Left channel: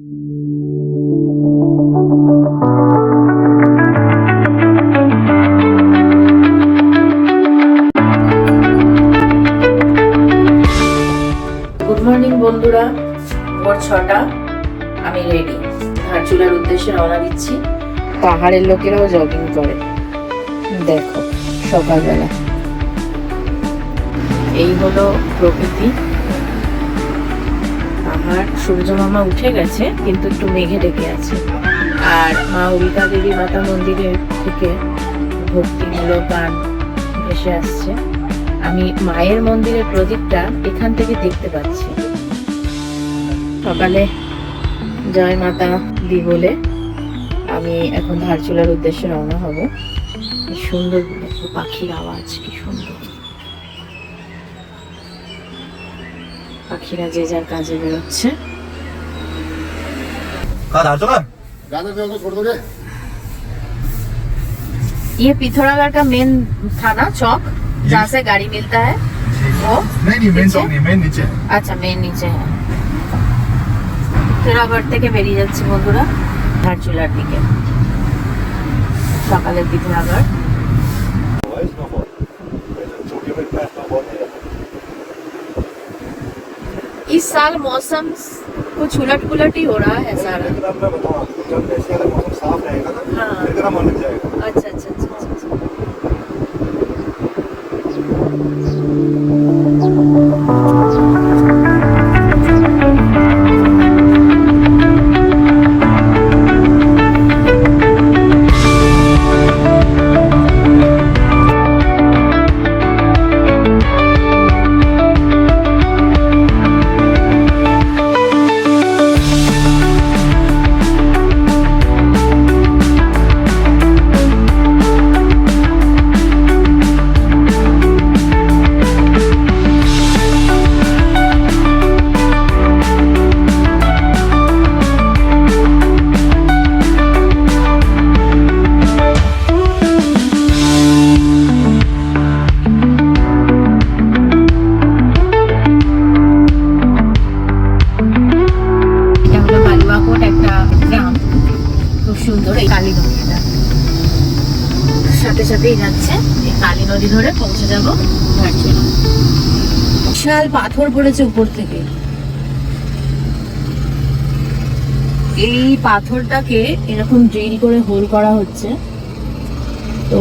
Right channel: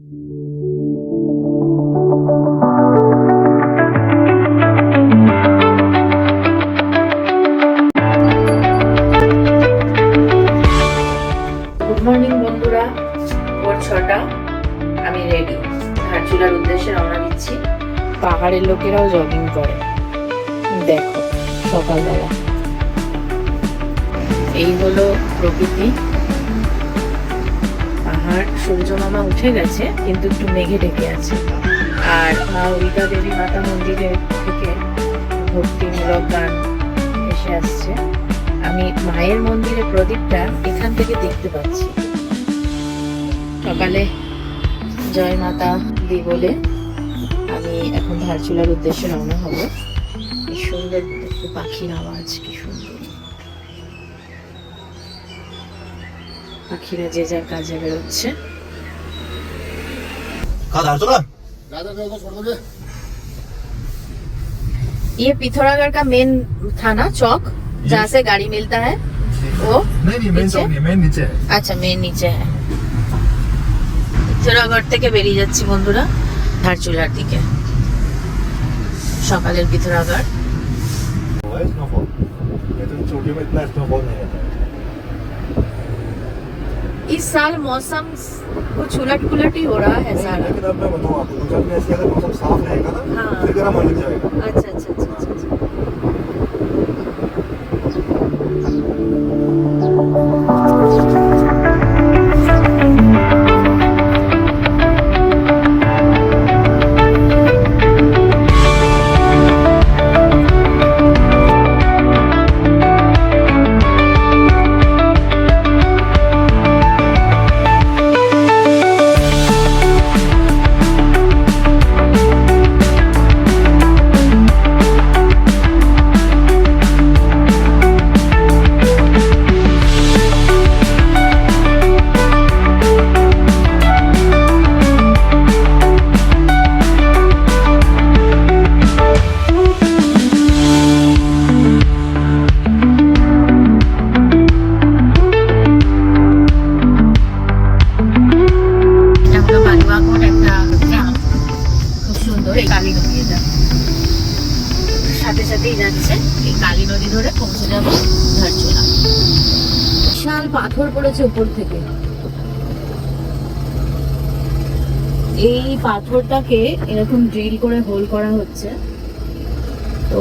Good morning বন্ধুরা, ভোর 6টা। আমি রেডি, ধারচুলার উদ্দেশ্যে রওনা দিচ্ছি। পাহাড়ের লোকেরাও জগিং করে, দেখো সকালবেলা। এই হলো প্রকৃতি। পাহাড়, সূর্য মামা উঠে গেছে কিন্তু একটু মেঘে ঢেকে আছে। আর মা উল্কা দেবী মাতা মন্দিরের থেকে ভক্তিমূলক গান ভেসে আসছে। আমি মায়ের মন্দিরের প্রদীপটা এখান থেকে দেখতে পাচ্ছি। সকালে জয় মাতা দি বলে আমি এখন ধারচুলার উদ্দেশ্যে রওনা হব। সুন্দর পাখির আওয়াজ, কি সুন্দর। পাখিরা যে যার কাজে বেরোচ্ছে। ये पिथौरागढ़ का मेन था ना चौक, जहाँ से गाड़ी मिलता है वो? नहीं मेन चौक नहीं, मेन नीचे है। अच्छा, मेन नीचे है। পিথৌরাগড় থেকে বেরিয়ে যাচ্ছি বন্ধুরা ধারচুলার দিকে। সকালের পিথৌরাগড়। इस साल मौसम कुछ उलट पुलट ही हो रहा है सारा। मौसम साफ रहेगा ना, फिर गर्म होने जाएगा। अच्छा अच्छा अच्छा अच्छा। সাথে সাথেই যাচ্ছে এই কালী নদী ধরে পৌঁছে যাব ধারচুলা। বিশাল পাথর পড়েছে উপর থেকে। এই পাথরটাকে এরকম ড্রিল করে হোল করা হচ্ছে, তো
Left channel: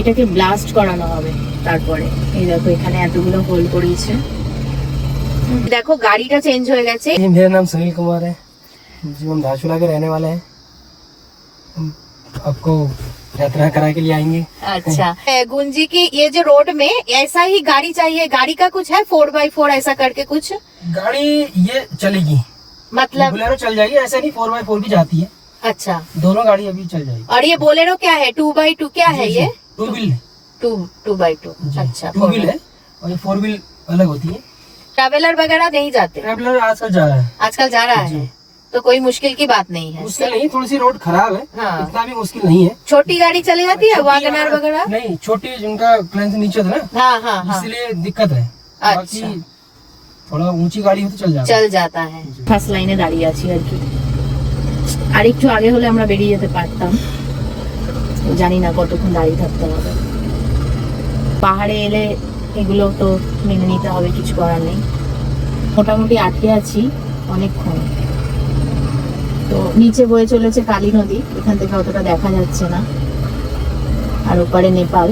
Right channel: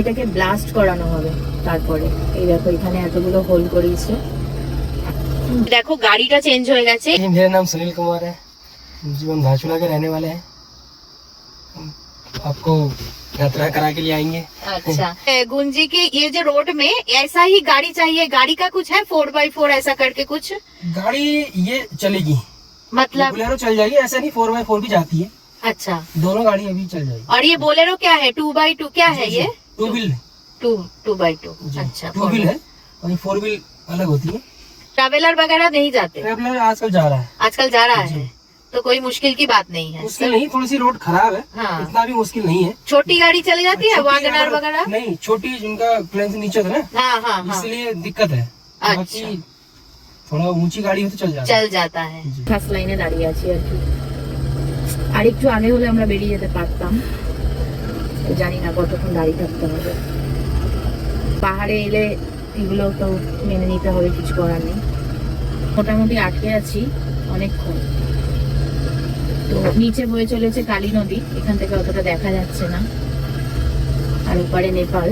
এটাকে ব্লাস্ট করানো হবে। তারপরে এই দেখো এখানে এতগুলো হোল করেছে। দেখো গাড়িটা চেঞ্জ হয়ে গেছে। मेरा नाम सुनील कुमार है, जो हम धारचूला के रहने वाले हैं। हम आपको यात्रा करा के लिए आएंगे। अच्छा गुंजी की ये जो रोड में ऐसा ही गाड़ी चाहिए, गाड़ी का कुछ है 4x4 ऐसा करके कुछ? गाड़ी ये चलेगी, मतलब बोलेरो चल जाएगी, ऐसा नहीं 4x4 भी जाती है। अच्छा, दोनों गाड़ी अभी चल जाएगी। और ये बोलेरो क्या है? 2x2 क्या है ये? 2 व्हील 2x2। अच्छा, 2 व्हील है और 4 व्हील अलग होती है। ट्रैवलर वगैरह नहीं जाते? ट्रैवलर आजकल जा रहा है। आजकल जा रहा है, तो कोई मुश्किल की बात नहीं है। मुश्किल नहीं, थोड़ी सी रोड खराब है, हाँ। इतना भी मुश्किल नहीं है। छोटी गाड़ी चली जाती है, वैगनआर वगैरह? नहीं, छोटी जिनका क्लेंस नीचे था ना, हाँ हाँ हाँ, इसलिए दिक्कत है। बाकी थोड़ा ऊंची गाड़ी हो तो चल जाता है। ফার্স্ট লাইনে দাঁড়িয়ে আছি আর কি। আর একটু আগে হলে আমরা বেরিয়ে যেতে পারতাম, জানি না কতক্ষণ দাঁড়িয়ে থাকতে হবে। পাহাড়ে এলে এগুলো তো মেনে নিতে হবে, কিছু করার নেই। মোটামুটি আটকে আছি অনেকক্ষণ। তো নিচে বয়ে চলেছে কালী নদী, এখান থেকে অতটা দেখা যাচ্ছে না। আর ওপারে নেপাল।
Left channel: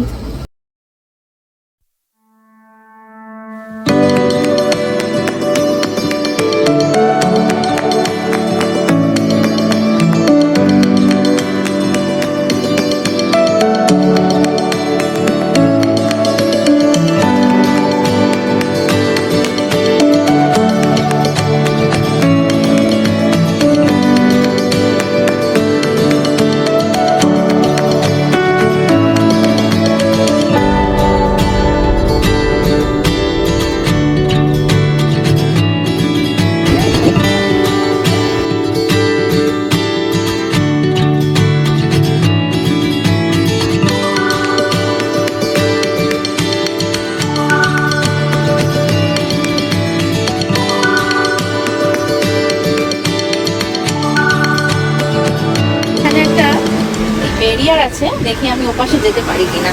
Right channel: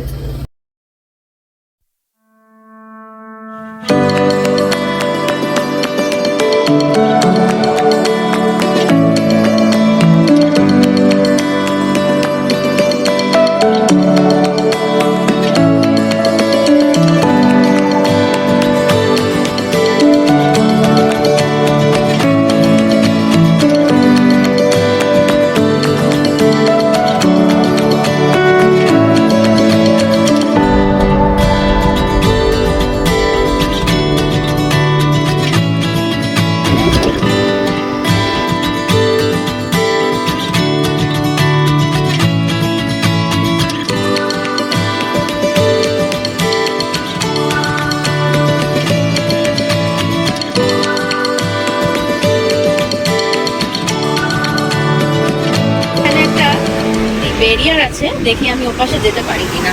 আছে, দেখি আমি ওপাশে যেতে পারি কিনা।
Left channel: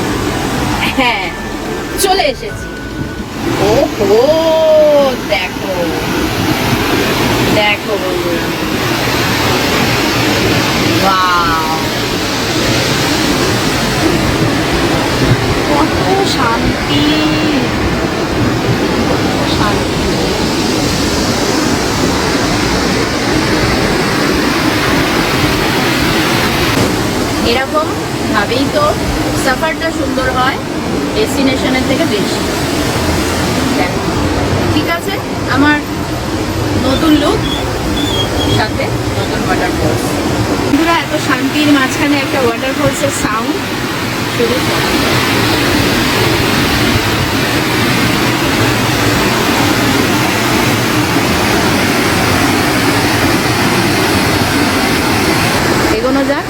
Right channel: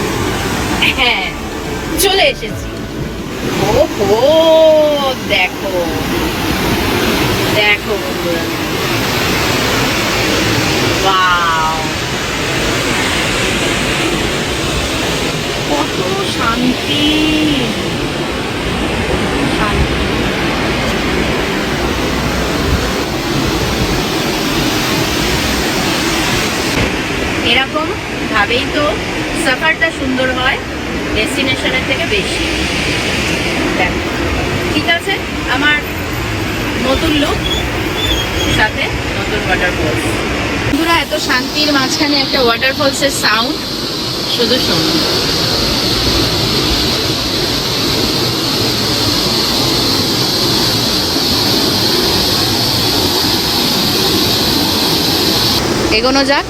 হ্যাঁ, চলে এসেছি। ও হো, দেখো দেখো বন্ধুরা, ওয়াও, কত শান্তি শান্তি। এরকম ভাবেই তো সফরটা সুন্দর হয়, ডেস্টিনেশনের থেকে বেশি। দেখো, ঠিক আছে, আমার নতুন লুক সাথে নতুন ওয়াটারফলস। বন্ধুরা, এত শান্তির মাঝখানে একটা ওয়াটারফলসের সাউন্ড শুধু শোনো। এগোনো যাক,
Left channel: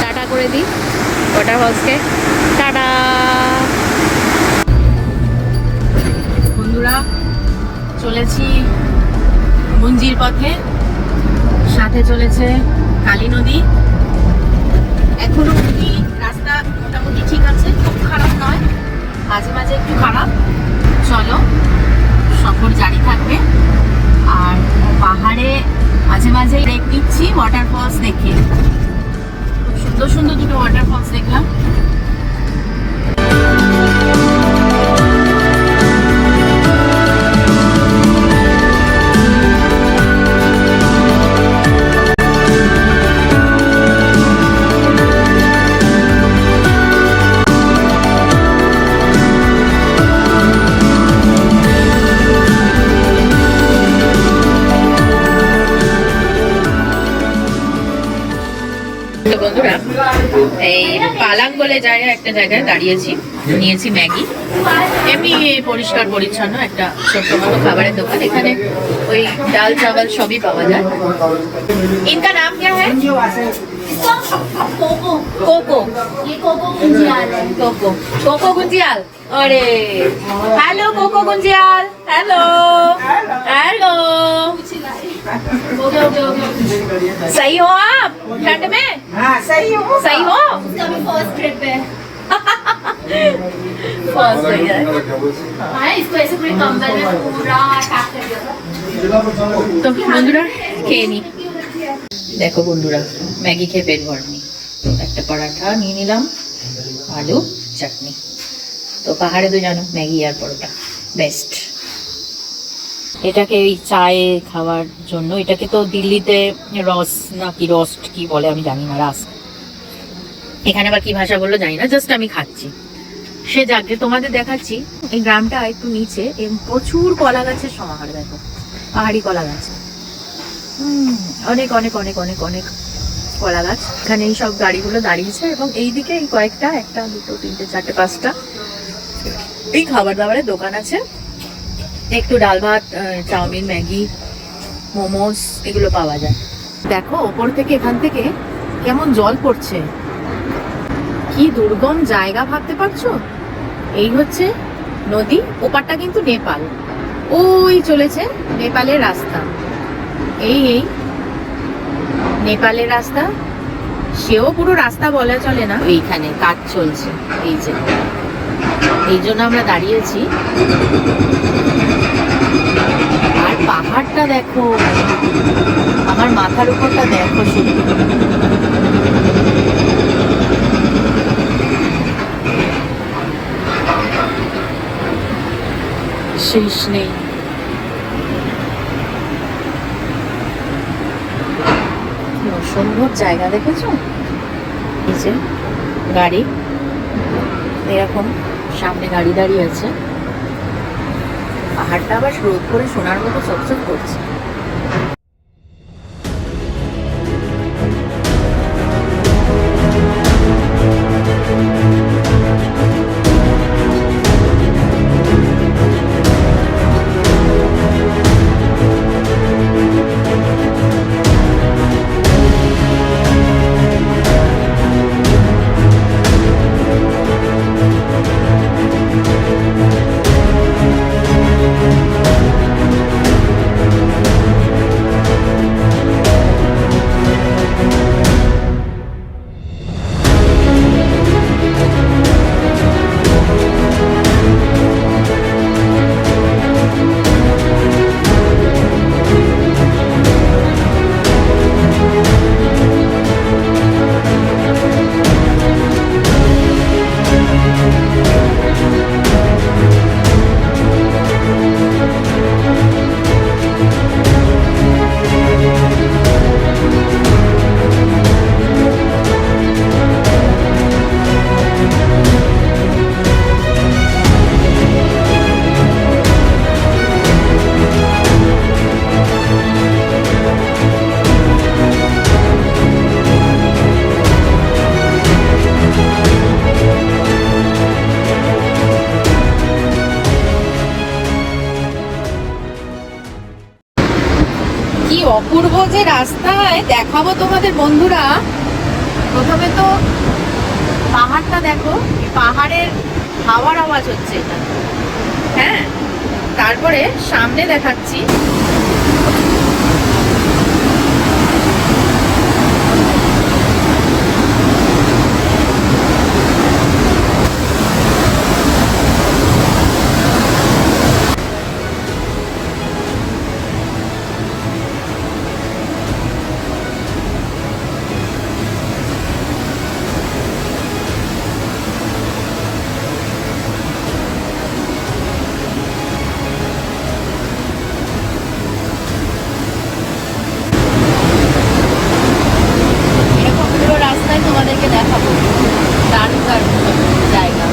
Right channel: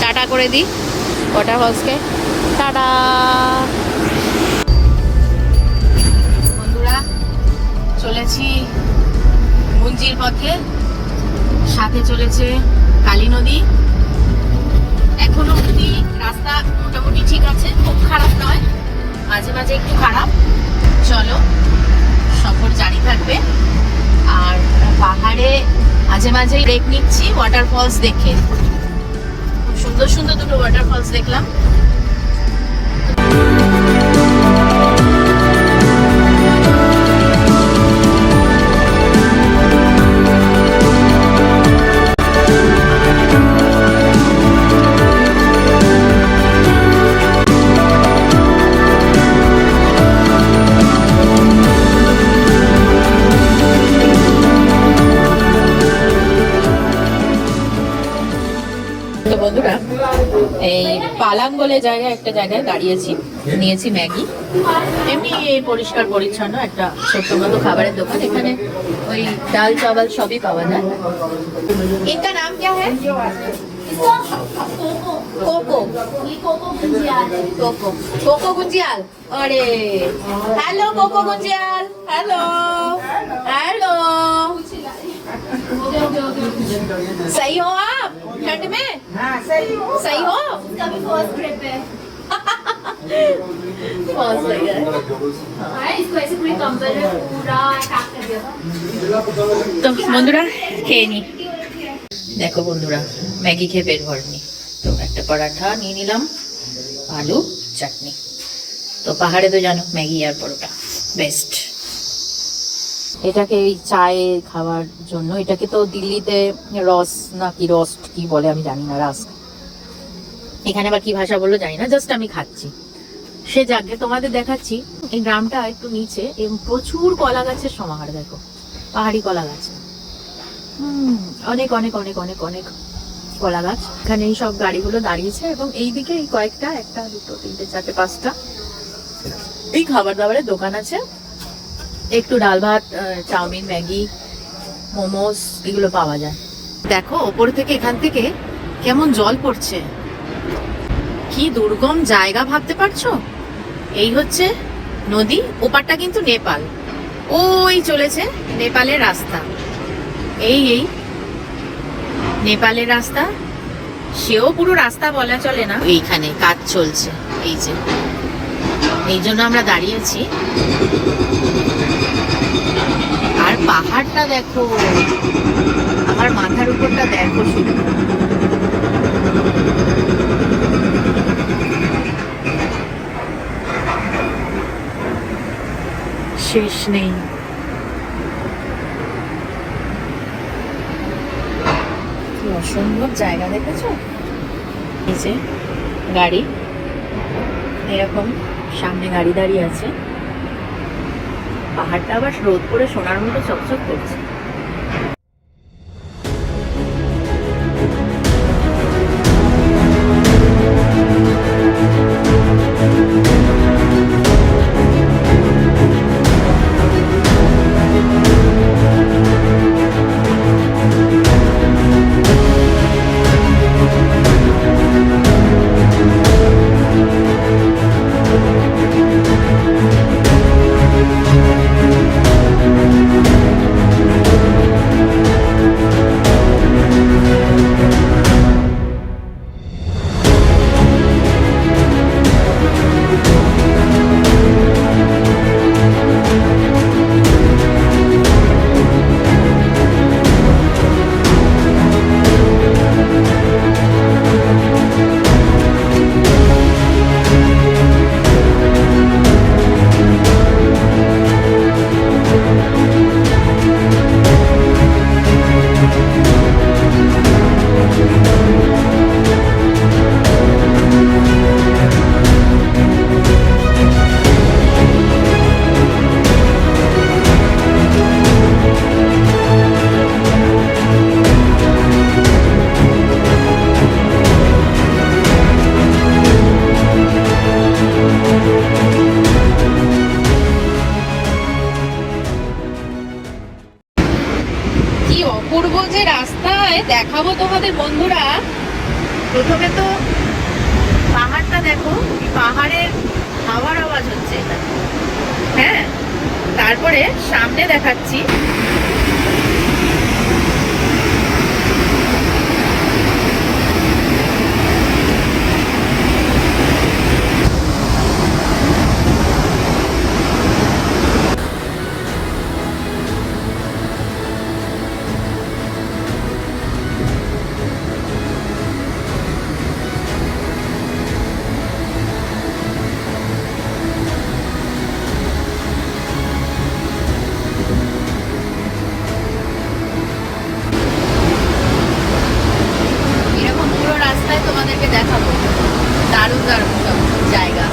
টাটা করে দিই ওয়াটারফলসকে, টাটা। বন্ধুরা, চলেছি গুঞ্জির পথে, সাথে চলেছে কালী নদী। এখনো অব্দি রাস্তা মোটামুটি ঠিক আছে, খুব খারাপ নয়, মাঝে মাঝে একটু খারাপ। চলো, সফর জারি থাকবে। আর পাহাড়ে মাঝে মাঝে ব্রেক নিচ্ছি ওয়াটারফলস দেখে। খুব সুন্দর সুন্দর দুটো ওয়াটারফলস দেখলাম। তো বন্ধুরা, এই পালাং বলে জায়গায় একটা জায়গায় দাঁড়িয়েছি, নিয়েছি ম্যাগি। এমনি পরিষ্কার পরিচ্ছন্ন একটা ছোট্ট মতো খাবারের দোকান। এখানে ওই ডাল চাওয়াল সবই পাওয়া যায়। ইনকা নাম क्या है? कोको। ये कोको गुंजियाल है। कोको गुंजियाल। अरे हेलो कोको गुंजियाल, हेलो हेलो। सही हो आप ठंड में? हाँ सही हो। सही हो? उसका भी फर्स्ट ट्रिप है। फर्स्ट हो गया है। हाँ, इसको ऐसे पूरी कंबल में पूरा टाक कर दिया था। তো বন্ধুরা, খেয়ে নি। দেখো বন্ধুরা, ম্যাগি খেয়ে পেট ভরেনি, তো একটা পরোটা নিয়ে নিলাম, আলু চাটনি। তো পাহাড়ে তো জানো ম্যাগি আর পরোটা বেস্ট। এটাকে ওই চায়ে খাওয়ার জন্য, এটাকে তো দিল্লিতে রস না কি রস্ট কি বলে আমি জানি না, রাস, এখানে আবার কি ভাষা বললো জানি না, জাস্ট আমি খাচ্ছি। সে যাকে তোমাদের দেখাচ্ছি, এই গ্রামটা একটু নিচে, প্রচুর কলা গাছের সমাহার। দেখো, পাহাড়ি কলা গাছ, অনেক অনেক অনেক অনেক অনেক কলা গাছ। এখানে এই সব গাড়িগুলো দাঁড়িয়েছে, এবং এইদিকে এই কয়েকটা, একটা দুটো তিনটে চারটে পাঁচটা এই খাবার দাবারের দোকান আছে। একটু ডাল ভাত, চাউমিন, ম্যাগি, মোমোস এগুলো পাওয়া যায়। দেখো ওপর থেকে, এখান থেকে কেমন জল পড়ছে, কি দুর্গম জায়গা ভাবতে পারছো। এই হচ্ছে নদী, ওপারটা কিন্তু নেপাল, ওই চলেছে নেপালের রাস্তা। এই এই নেপালের রাস্তা, সেও পুরো রাস্তা বলা চলে না। এইখানে কাজ চলছে, এই যে, এই জন্য আমরা দাঁড়িয়েছি। আর পাহাড়টা দেখো, আমার মাথার উপরটা দেখো শুধু, শেষ নেই। অসম্ভব জায়গা দেখেছো, এই যে গাড়ি, এরকম সামনে গাড়ি দাঁড়িয়ে আছে। পাহাড়টা আবার রোদ করে সোনার মতো চকচক করছে। রাস্তায় দেখাবো তোমাদের বন্ধুরা। প্রথমে তো পাহাড়টা দেখো, এই পাহাড়ের হাওয়ার আওয়াজ হচ্ছে, হ্যাঁ। তারপরে সামনে দেখাচ্ছি এরকম পুরো রাস্তায় তোমাদেরকে দেখাবো, দারুণ দারুণ সব জায়গা।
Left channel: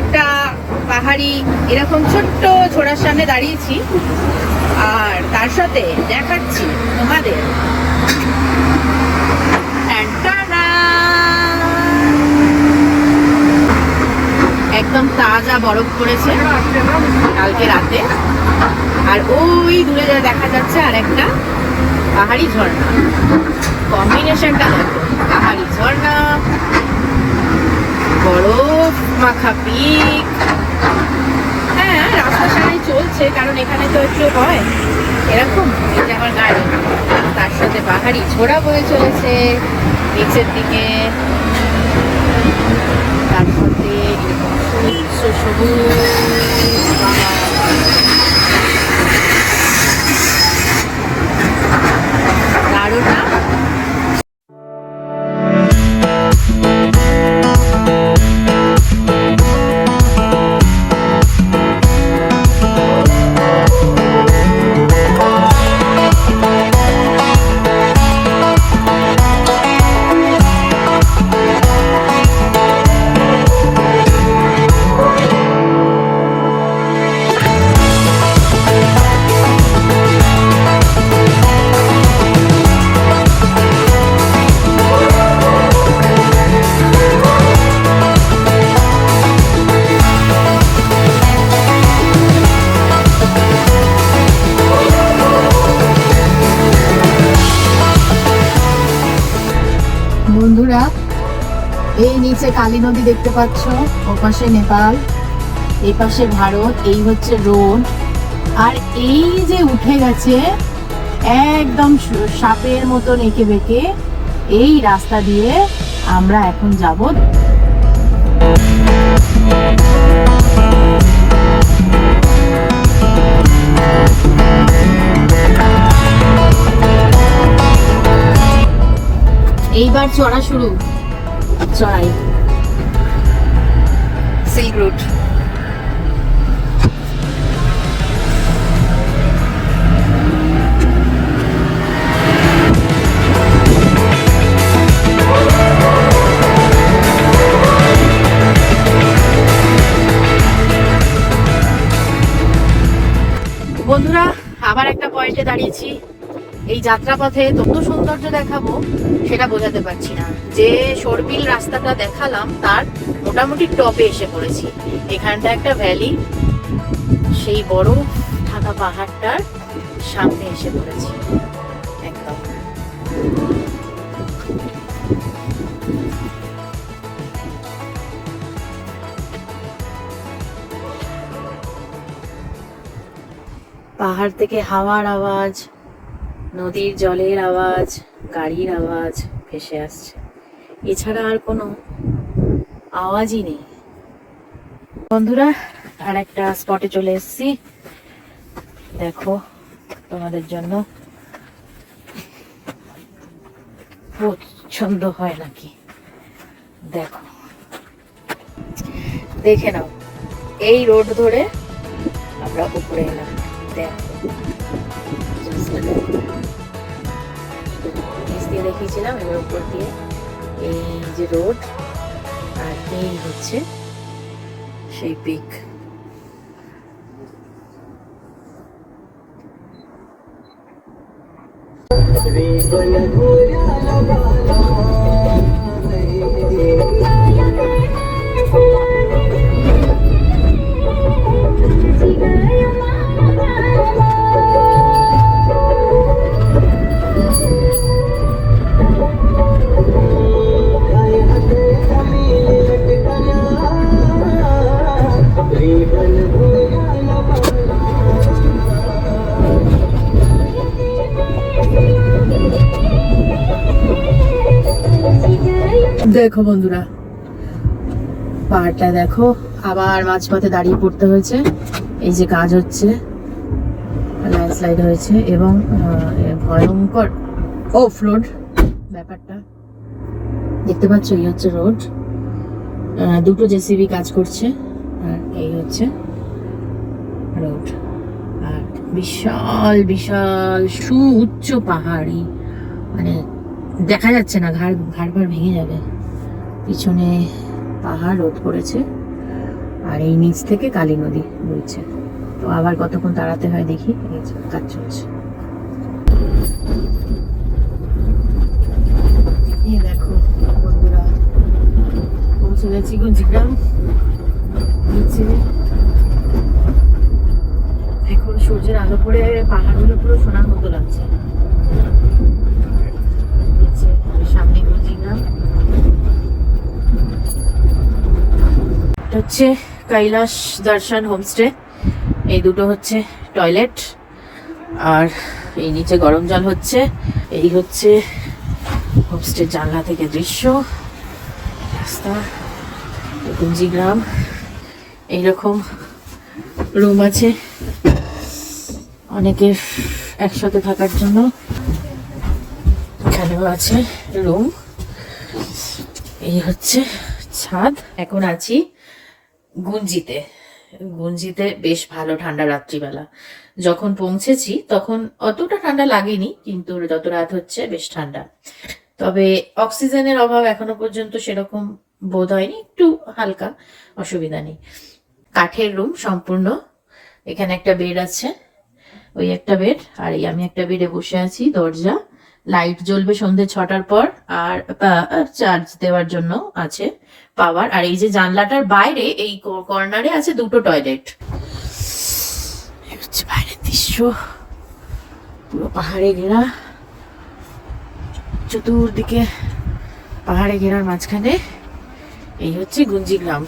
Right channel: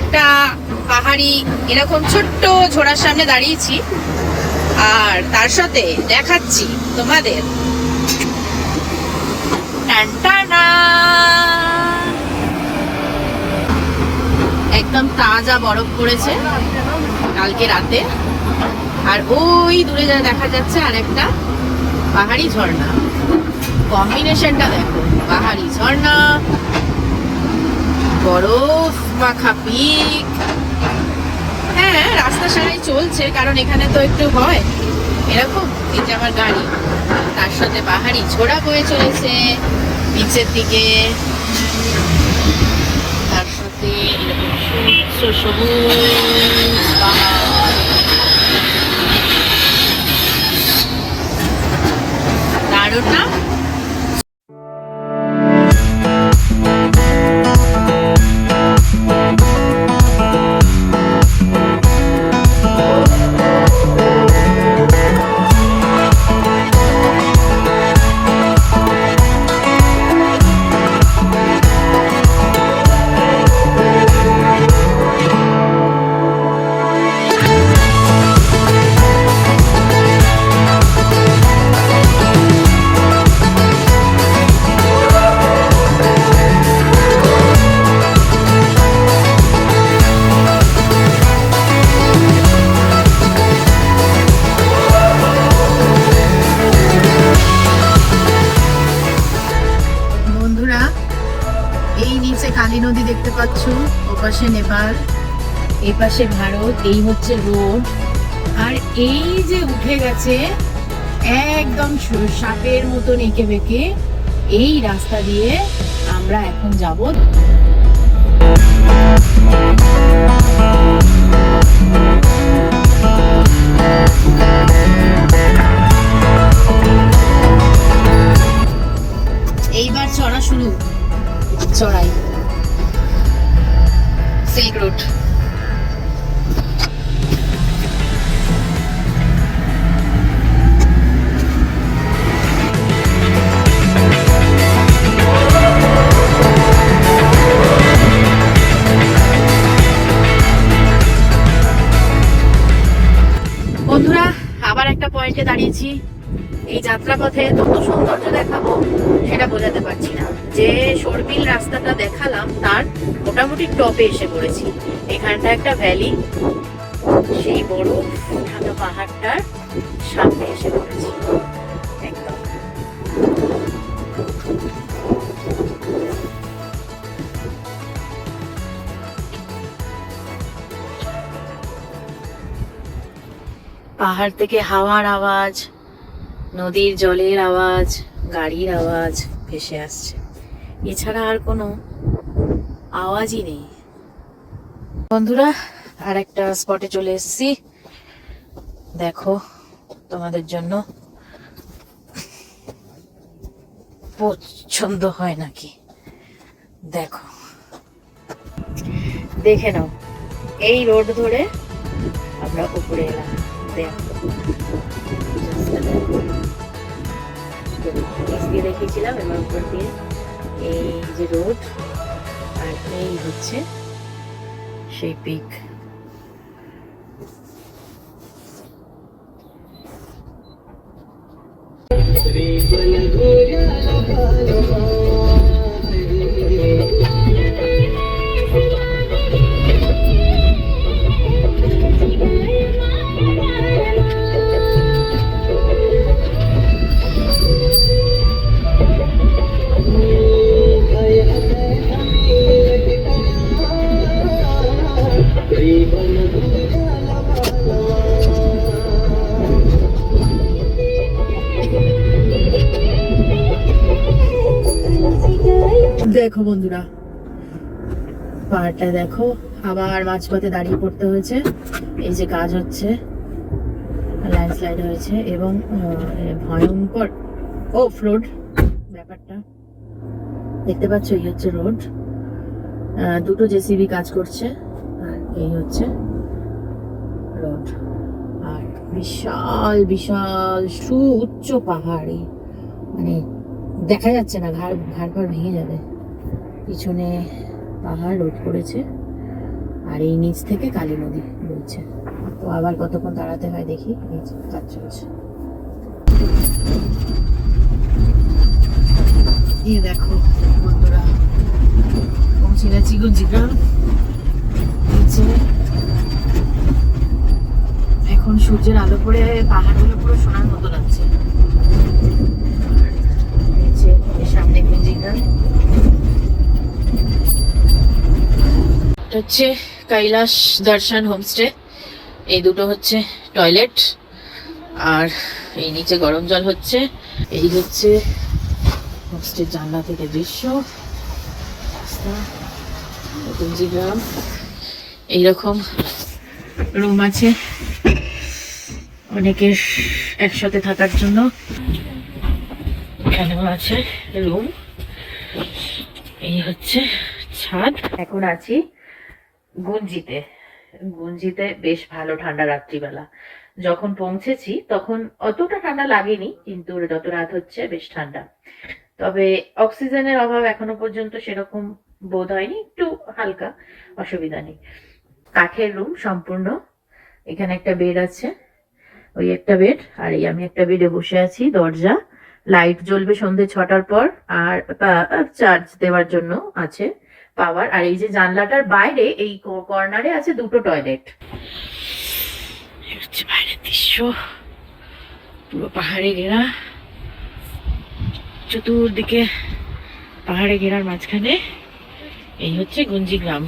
একটা পাহাড়ি এরকম ছোট্ট ঝোড়ার সামনে দাঁড়িয়েছি, আর তার সাথে দেখাচ্ছি তোমাদের টাটানা, একদম তাজা বরফ পড়েছে কালকে রাতে। আর ওই দূরে যা দেখা যাচ্ছে আর একটা পাহাড়ি ঝর্ণা, কম্বিনেশনটা দেখো, পাহাড়ি ঝর্ণা, বরফ মাখা পিক। হ্যাঁ, রাস্তা সারাই চলছে, কারণ এখানে তো একটু হয় এরকম। এই যে আমার গাড়ি, তার সাথে পাহাড়ি ঝোড়া বয়ে চলেছে নিচের দিকে, তার সাথে সবুজ পাহাড়। দারুণ না? বন্ধুরা, এই নিচে কালী নদী দেখতে পাচ্ছ, ওপাশে নেপাল, এই পাশে ভারত, এই হচ্ছে রোড। আর এই যে উঠে গেছে একদম সাপের মতন এঁকে বেঁকে এই রাস্তা দিয়ে আমরা এখন যাব। এইবার চড়া শুরু, চড়াই সিল্ক রুট। বন্ধুরা আবার একটা পয়েন্টে দাঁড়িয়েছি। এই যাত্রা পথে কত সৌন্দর্য দেখাবো সেটা বোঝাতে পারছি না। যে সরপিল রাস্তাটা দেখালাম তার মোটামুটি টপে এসে পড়েছি। এখানটা একটা ভ্যালি, সেই বড় ঢাকা পাহাড়টার সামনে এসে পড়েছি একদম। পাহাড় থেকে হাওয়ার আওয়াজ, নদীর জলের আওয়াজ, গাড়ির আওয়াজ ভেসে আসছে, এছাড়া আর কোনো আওয়াজই নেই। বন্ধুরা আর একটা স্পটে চলে এসেছি, দেখো তোমাদের জন্য পছন্দ হয় নাকি দেখো, দেখে নাও। এই রোড ধরে আমরা উপরে এলাম, দেখো দেখিয়েছিলাম, এবার উপর দিয়ে এই যে রোড, আর এই হচ্ছে সেই পিক। দেখো বন্ধুরা পাহাড়টা দেখো, আবার মাঝপথে দাঁড়িয়ে পড়তে হয়েছে। এই যে কাজ হচ্ছে, ল্যান্ডস্লাইড হয়েছে এবং ভয়ঙ্কর অফরোড ব্যাপারটা দেখতে পাচ্ছ। এই হচ্ছে রোড, দুটো জেসিবি কাজ করছে, আর এই হচ্ছে রোড। আর বিশাল বিশাল সুউচ্চ পাহাড়ি, মানে দেখা যাচ্ছে না, ঘাড় ভেঙে যাবে। পিছনে পাহাড় রোড করেছে, আর এই নিচ থেকে কালী নদী বইছে। তো আবার কতক্ষণ দাঁড়াতে হয় দেখি, এই যে কাজ চলছে। এই দেখো বন্ধুরা পৌঁছে গেছি গুঞ্জিগ্রাম। নিচে এখন সূর্যের আলো পড়ে পাহাড়গুলো পুরো সোনার মতো লাগছে। সামনে গুঞ্জিগ্রাম হচ্ছে কৈলাস দর্শন হোমস্টে। এই দুটো হচ্ছে টয়লেট, আর এই নিচে গরম জল হচ্ছে। এই হচ্ছে হোমস্টের জানলা থেকে দৃশ্য, রাস্তা, গুঞ্জিগ্রাম। এইরকম রুম আছে অনেকের একসাথে থাকার জন্য, এখানেও আছে রুম। এই হচ্ছে ছাদ। এখন আছি গুঞ্জিতে। গুঞ্জিতে বেশ ভালো ঠান্ডা রাত্রিবেলা। যখন পৌঁছেছি তখন অতটা ঠান্ডা লাগেনি, কিন্তু যত রাত হচ্ছে বেশ ঠান্ডা। তবে অক্সিজেনের অভাব এখনো পর্যন্ত সেরকম বোধ হয়নি, একটু হালকা, অসুবিধা নেই। কাঠের রুম সম্পূর্ণ। এখানে একটা বেড আছে, ওই একটা বেড, আর এই আমি একটা বেডে বসে আছি। দরজা, লাইট জ্বলবে সন্ধ্যে 6টার পর, আর চার্জ দেওয়ার জন্য আছে পাওয়ার। আর এই যে জানলাটার বাইরে এই কর্নারে আছে দুটো টয়লেট। হচ্ছে বাইরের দৃশ্য, পুরো পাহাড়ে ঘেরা, চতুর্দিকে পাহাড়ে ঘেরার মাঝখানে এই হচ্ছে গুঞ্জিগ্রাম।